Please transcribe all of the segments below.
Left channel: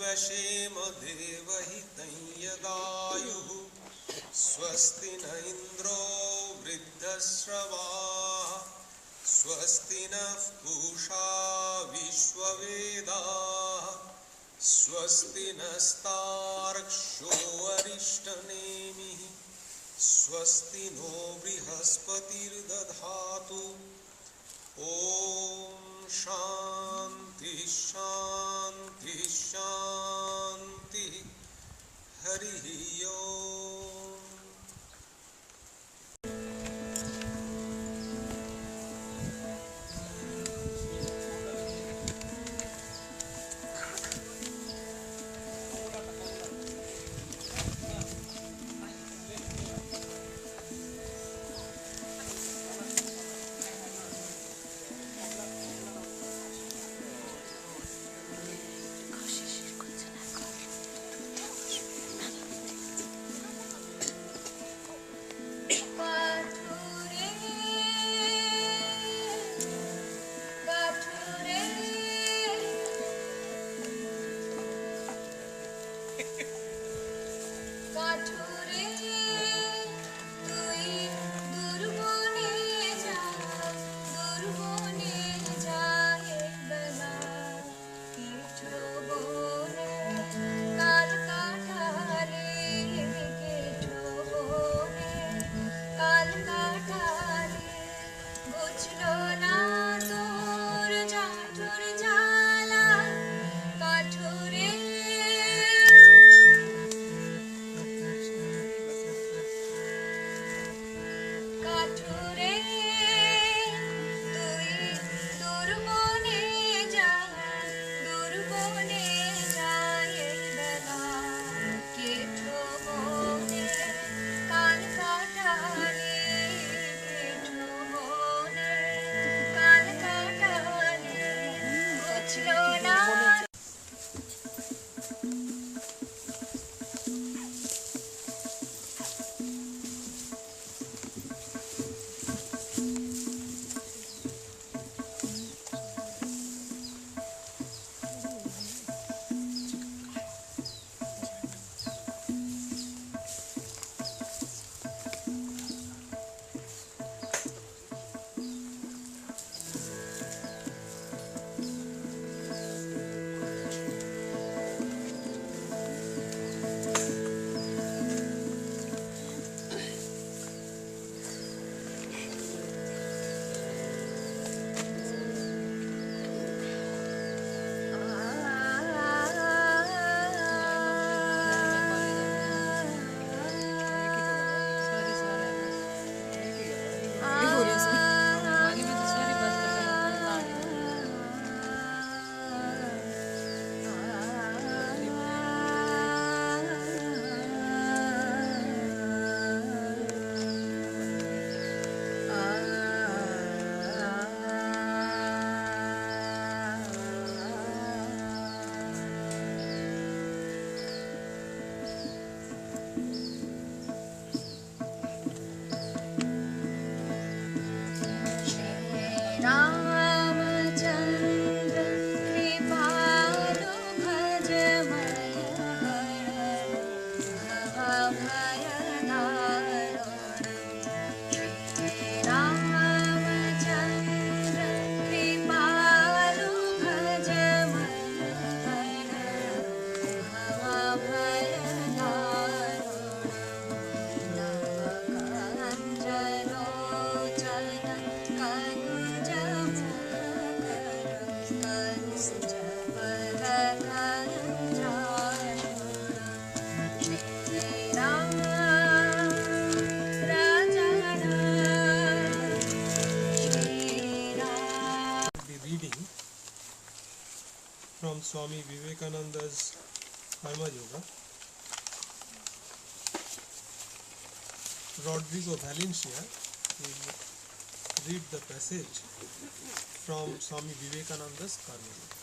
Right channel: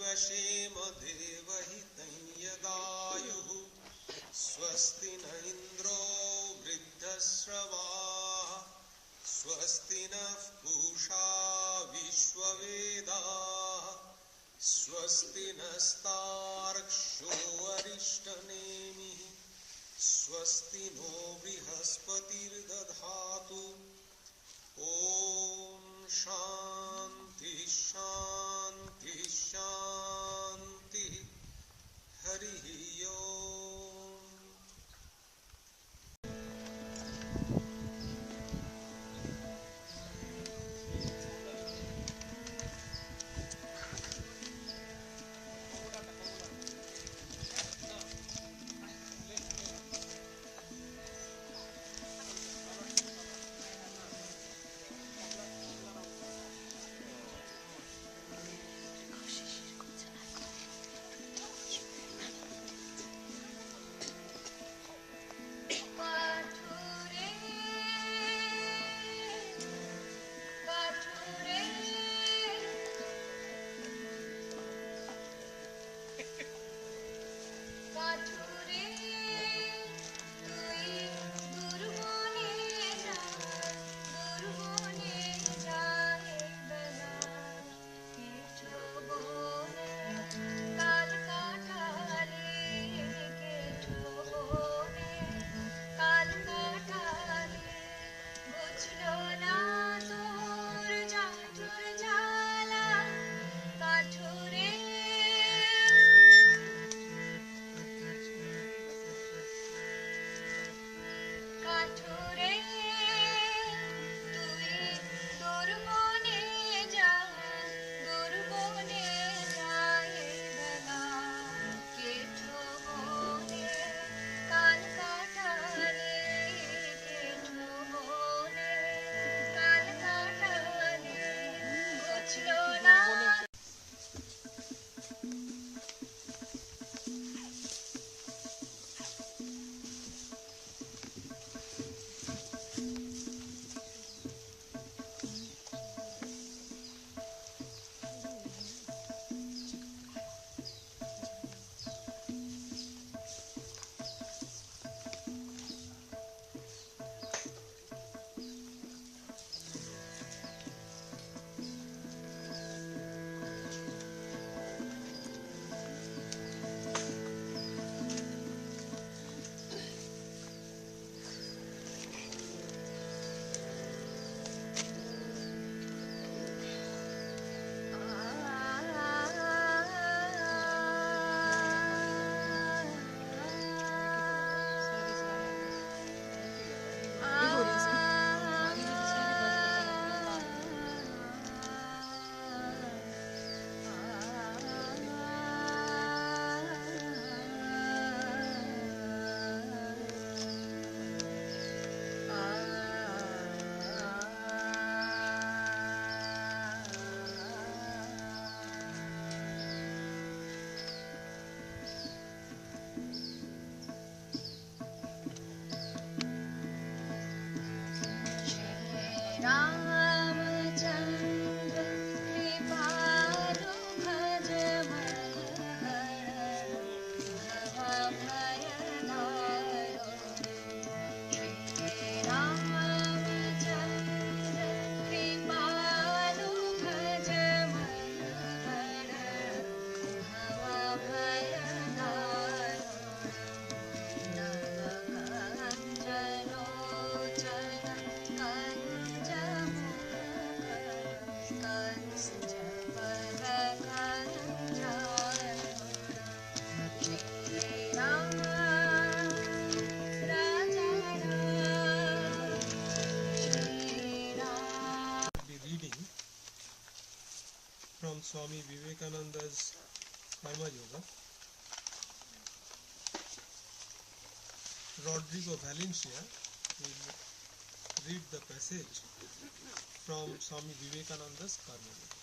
वशेम देवहितं यदायुः स्वस्ति न इन्द्रो वृद्धश्रवाः स्वस्ति नः पूषा विश्ववेदाः स्वस्ति नस्तार्क्ष्यो अरिष्टनेमिः स्वस्ति नो बृहस्पतिर्दधातु ॐ शान्ति शान्ति शान्ति हरिः ओम्। From Swami Vivekananda's Karma Yoga. Rodrigo Valencia will read the passage from Swami Vivekananda's Karma Yoga.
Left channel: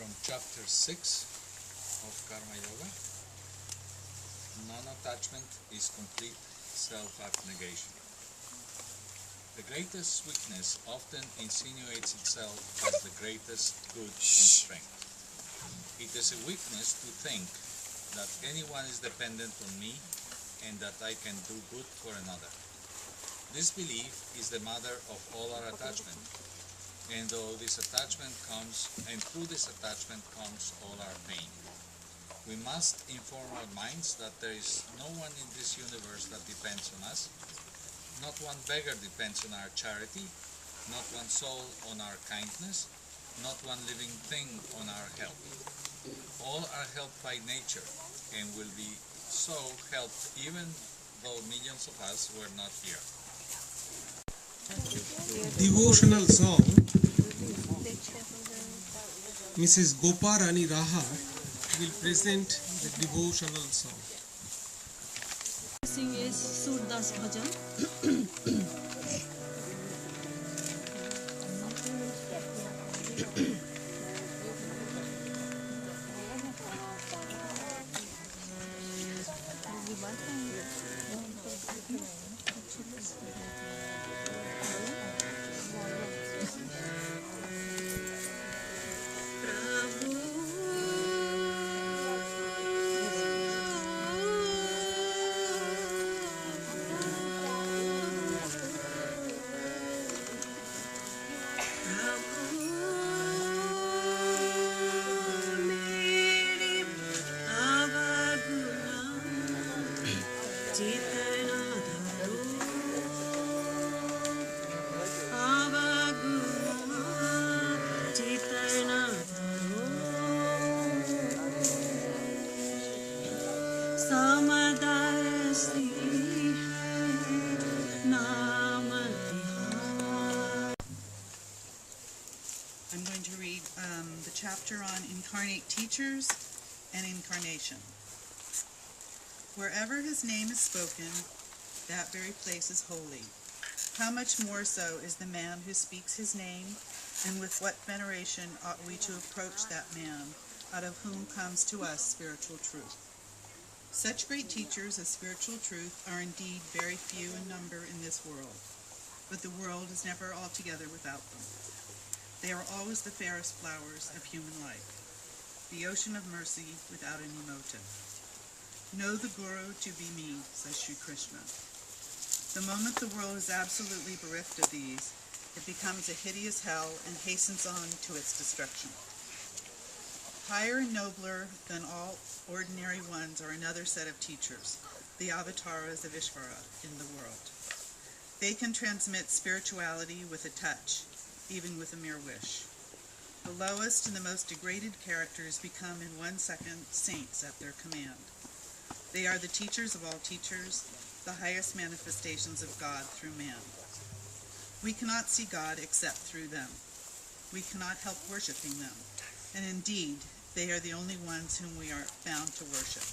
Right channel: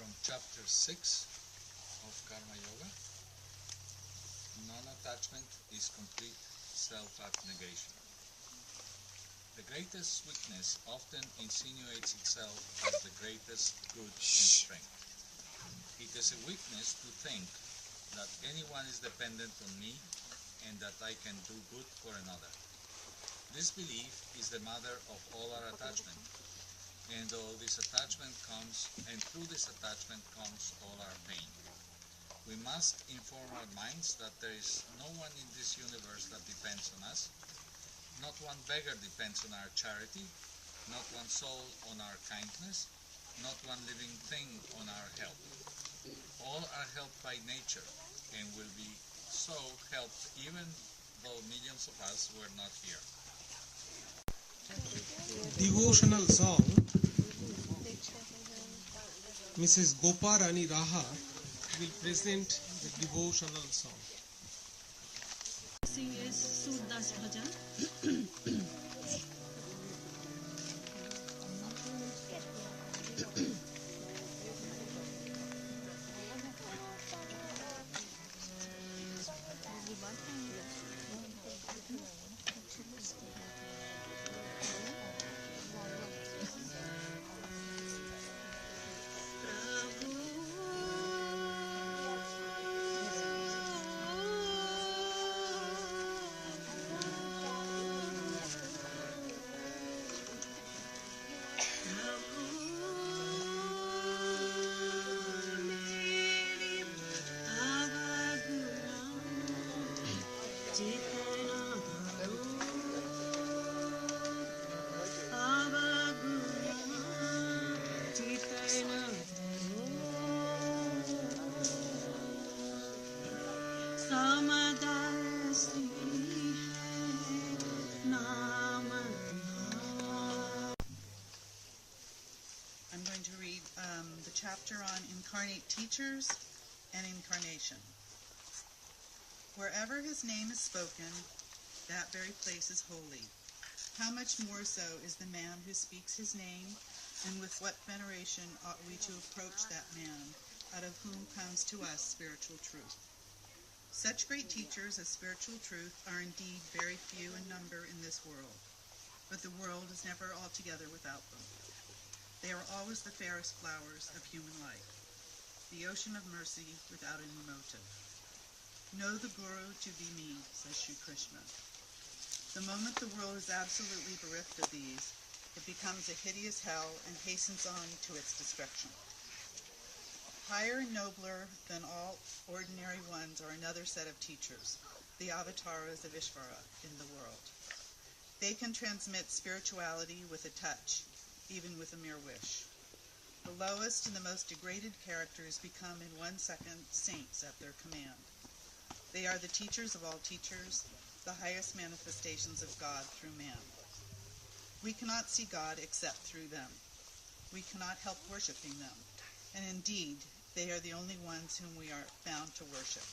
From chapter 6 of Karma Yoga, non-attachment is complete self-abnegation. The greatest weakness often insinuates itself as the greatest good and strength. It is a weakness to think that anyone is dependent on me and that I can do good for another. This belief is the mother of all our attachment. And through this attachment comes all our pain. We must inform our minds that there is no one in this universe that depends on us. Not one beggar depends on our charity, not one soul on our kindness, not one living thing on our help. All are helped by nature and will be so helped even though millions of us were not here. Devotional song. Mrs. Goparani Raha will present the devotional song. Sing is Surdas Bhajan. I'm going to read the chapter on Incarnate Teachers and Incarnation. Wherever his name is spoken, that very place is holy. How much more so is the man who speaks his name, and with what veneration ought we to approach that man, out of whom comes to us spiritual truth. Such great teachers of spiritual truth are indeed very few in number in this world, but the world is never altogether without them. They are always the fairest flowers of human life, the ocean of mercy without any motive. Know the Guru to be me, says Sri Krishna. The moment the world is absolutely bereft of these, it becomes a hideous hell and hastens on to its destruction. Higher and nobler than all ordinary ones are another set of teachers, the avatars of Ishvara in the world. They can transmit spirituality with a touch, even with a mere wish. The lowest and the most degraded characters become in 1 second saints at their command. They are the teachers of all teachers, the highest manifestations of God through man. We cannot see God except through them. We cannot help worshiping them, and indeed, they are the only ones whom we are bound to worship.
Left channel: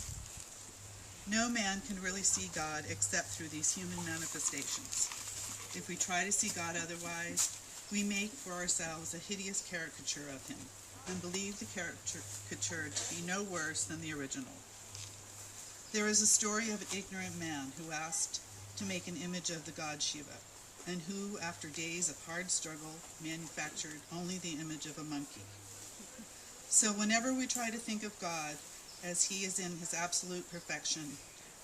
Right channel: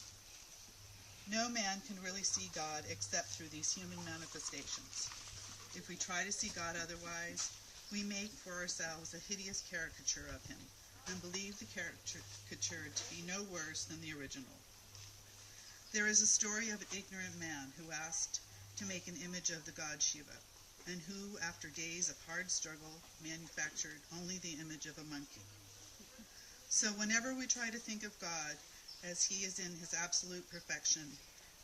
No man can really see God except through these human manifestations. If we try to see God otherwise, we make for ourselves a hideous caricature of him, and believe the caricature to be no worse than the original. There is a story of an ignorant man who asked to make an image of the god Shiva, and who, after days of hard struggle, manufactured only the image of a monkey. So whenever we try to think of God as he is in his absolute perfection,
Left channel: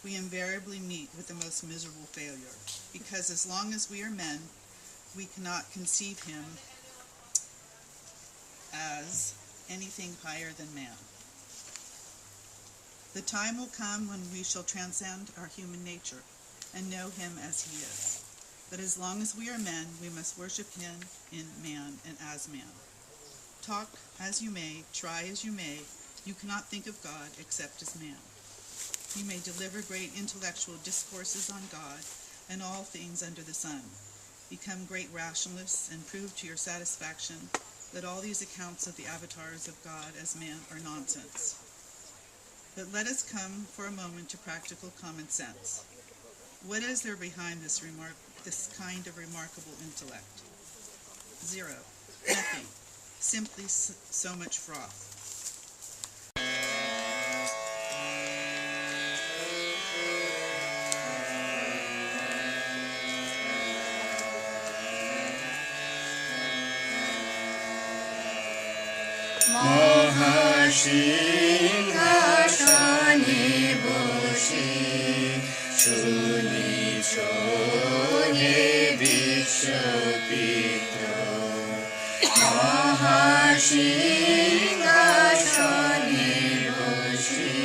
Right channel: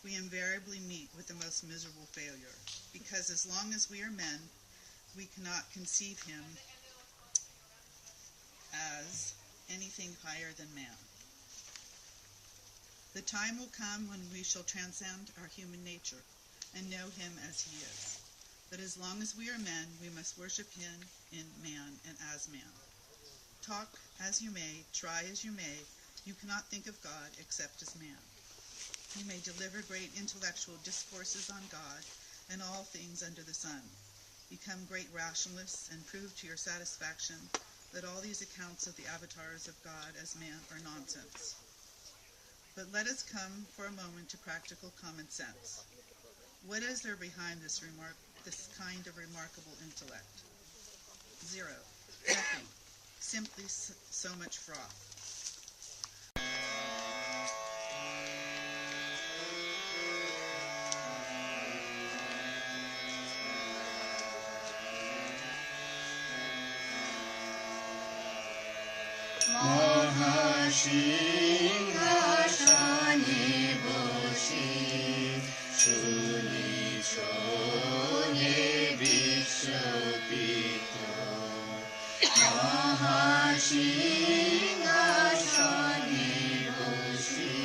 we invariably meet with the most miserable failure, because as long as we are men, we cannot conceive him as anything higher than man. The time will come when we shall transcend our human nature and know him as he is. But as long as we are men, we must worship him in man and as man. Talk as you may, try as you may, you cannot think of God except as man. You may deliver great intellectual discourses on God and all things under the sun, become great rationalists, and prove to your satisfaction that all these accounts of the avatars of God as man are nonsense. But let us come for a moment to practical common sense. What is there behind this kind of remarkable intellect? Zero. Nothing. Simply so much froth. মহাসিংহাসনে বসে শুনি শোনে বিশ্বপিত মহাসিংহাসনে বসে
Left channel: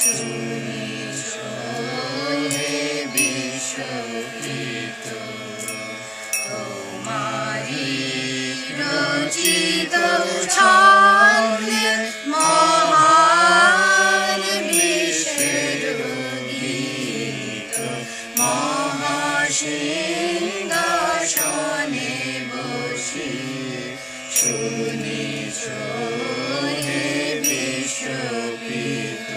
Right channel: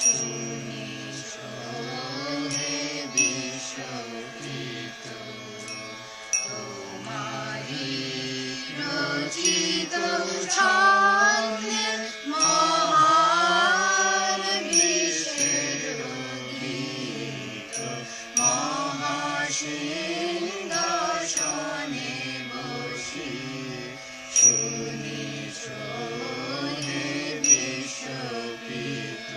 শুনি শোনে বিশ্বপিত তোমারি রচিত ছন্দে মহান বিশ্বের গীত মহাসিংহাসনে বসে শুনি শোনে বিশ্বপিত।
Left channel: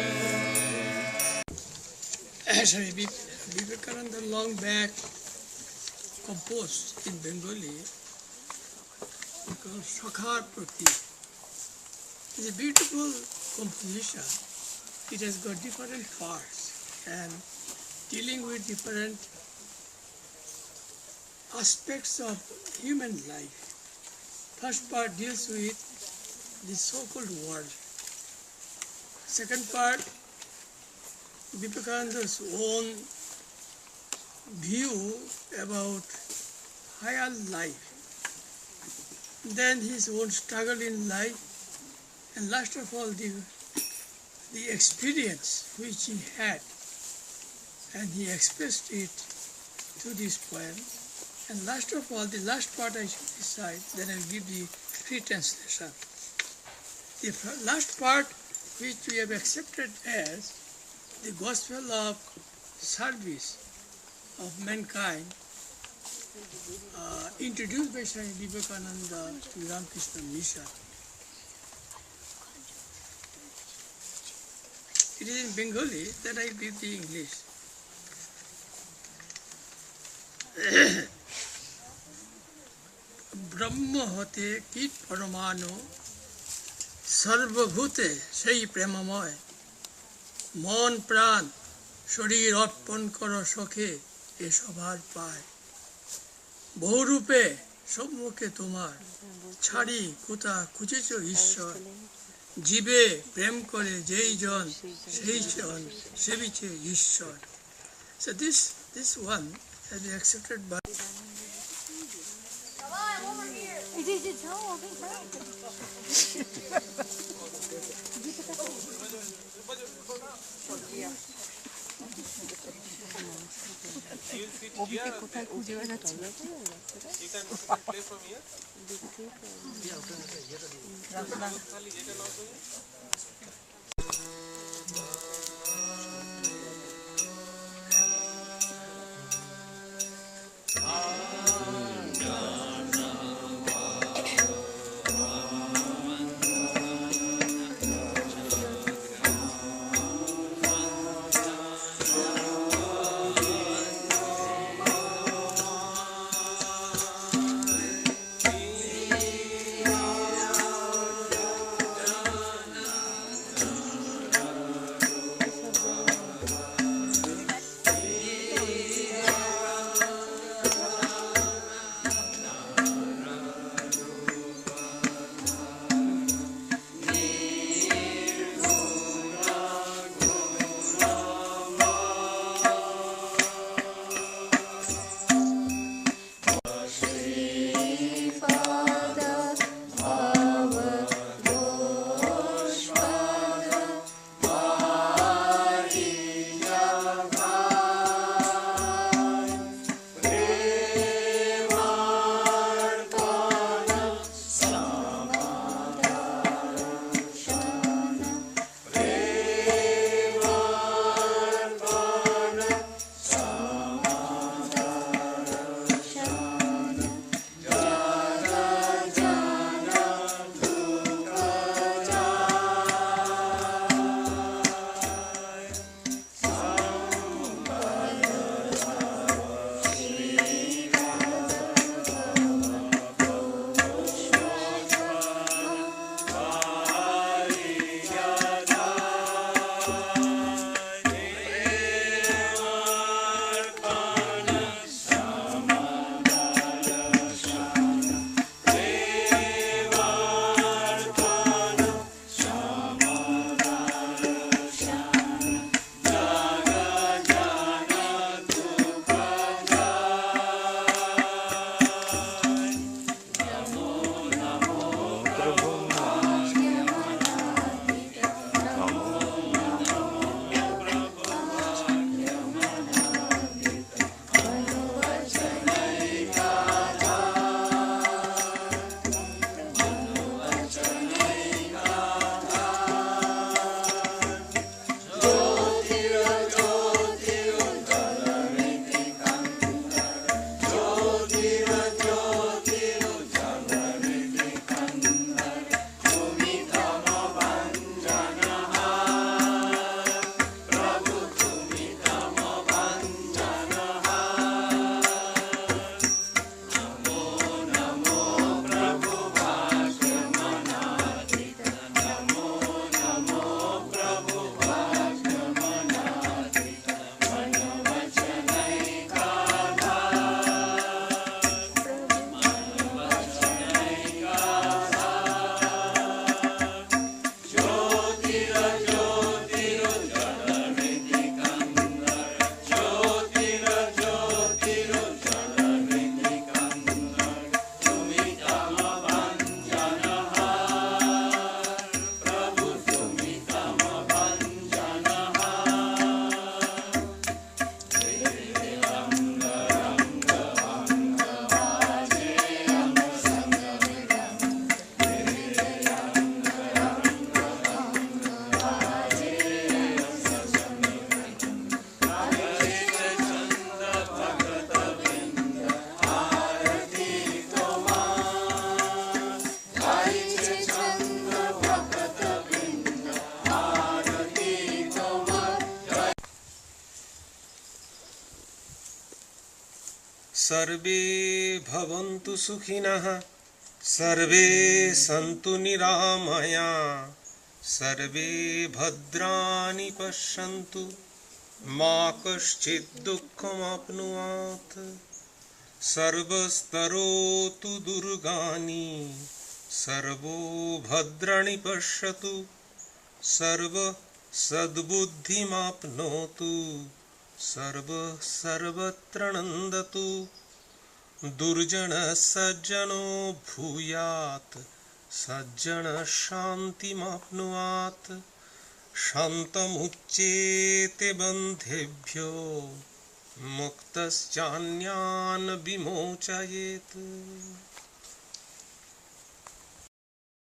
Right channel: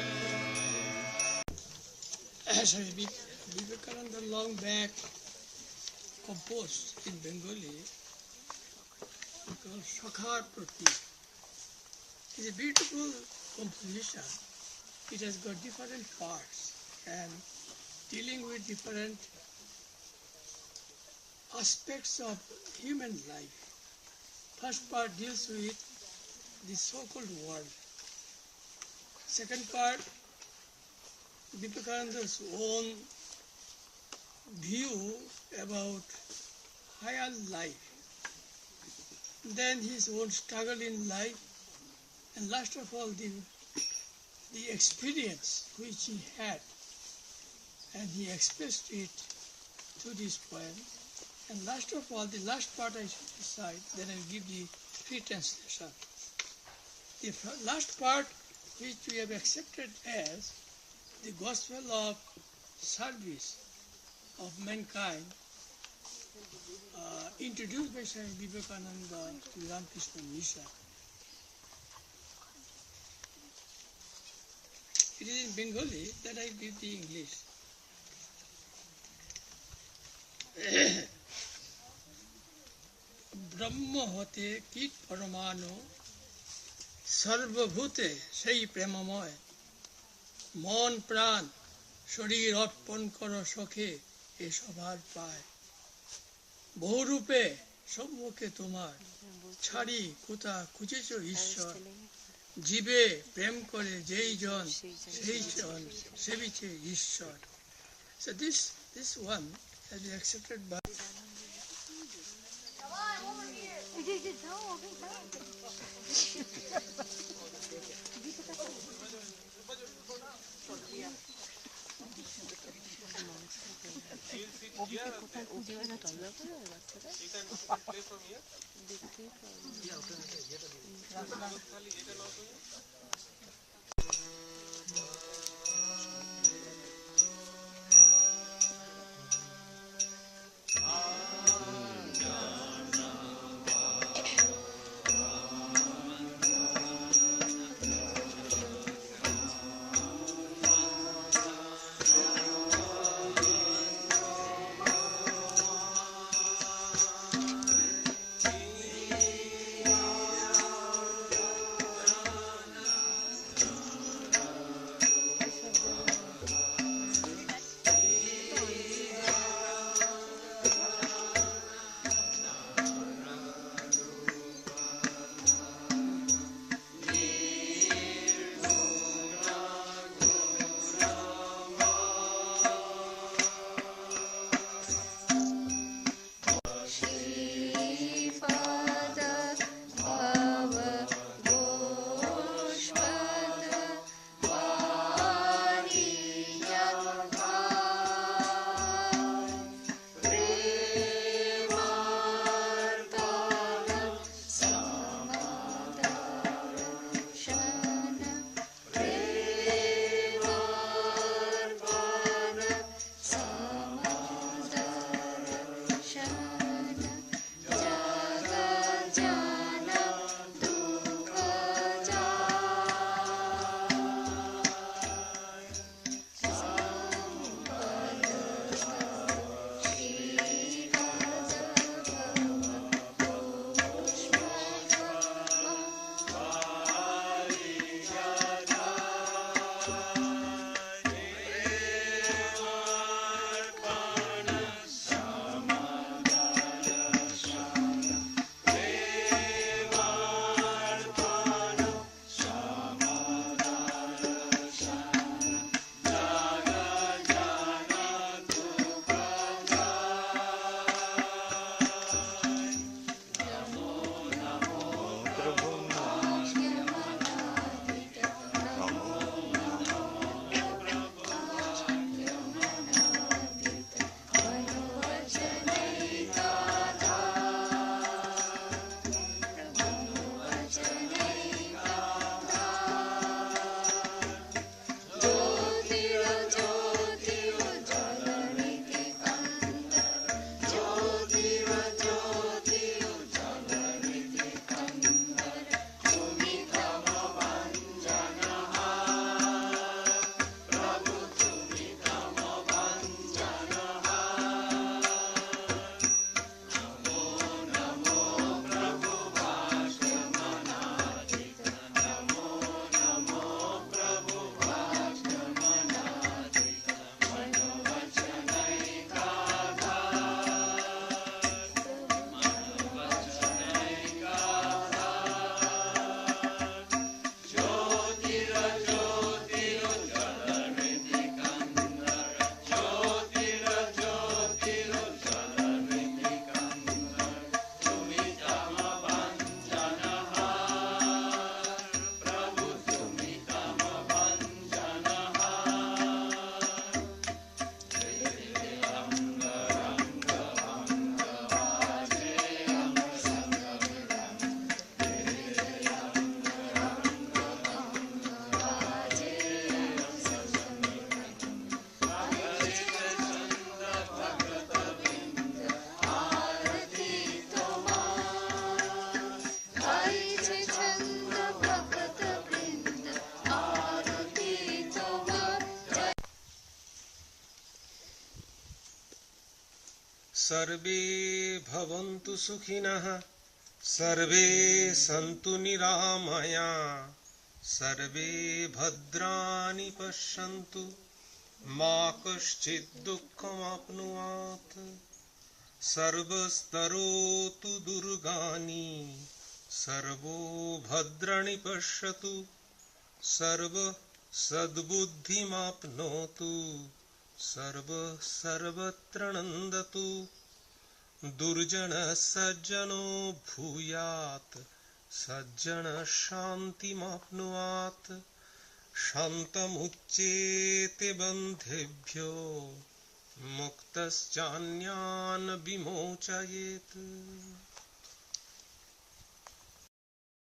Swami Vivekananda long back composed in Bengali called Shakhar Prati. It's a beautiful composition. It has got different parts and dealing with different aspects of human life. First part deals with the so-called world. Second part, Vivekananda's own view about higher life, then his own struggle in life, and last of all the experience which he had, and he expressed it through this poem. And last of all, the last part I should decide, then I'll give the free translation. The last part, which we have accepted as the gospel of service of mankind, introduced by Swami Vivekananda to the Ramakrishna Mission. It is in Bengali that I read the English. ব্রহ্ম হতে কীট পরমাণু সর্বভূতে সেই প্রেমময় মন প্রাণ শরীর অর্পণ কর সখে এ সবার পায় বহুরূপে সম্মুখে তোমার ছাড়ি কোথা খুঁজেছ ঈশ্বর জীবে প্রেম করে যেই জন সেই জন সেবিছে ঈশ্বর. So this one has been accepted by কোথায় খুঁজে বেড়াচ্ছি सर्वे भवन्तु सुखिनः सर्वे सन्तु निरामया सर्वे भद्राणि पश्यन्तु मा कश्चित् दुःखमाप्नुयात् सर्वस्तरोतु दुर्गानि सर्वो भद्राणि पश्यतु सर्व सद्बुद्धिमाप्नोतु सर्व सर्वत्र नन्दतु दुर्जनः सज्जनो भूयात् सज्जनः शान्तिमाप्नुयात् शान्तमुच्येते बन्धेभ्यो मुक्तश्चान्यान् विमोचयेत्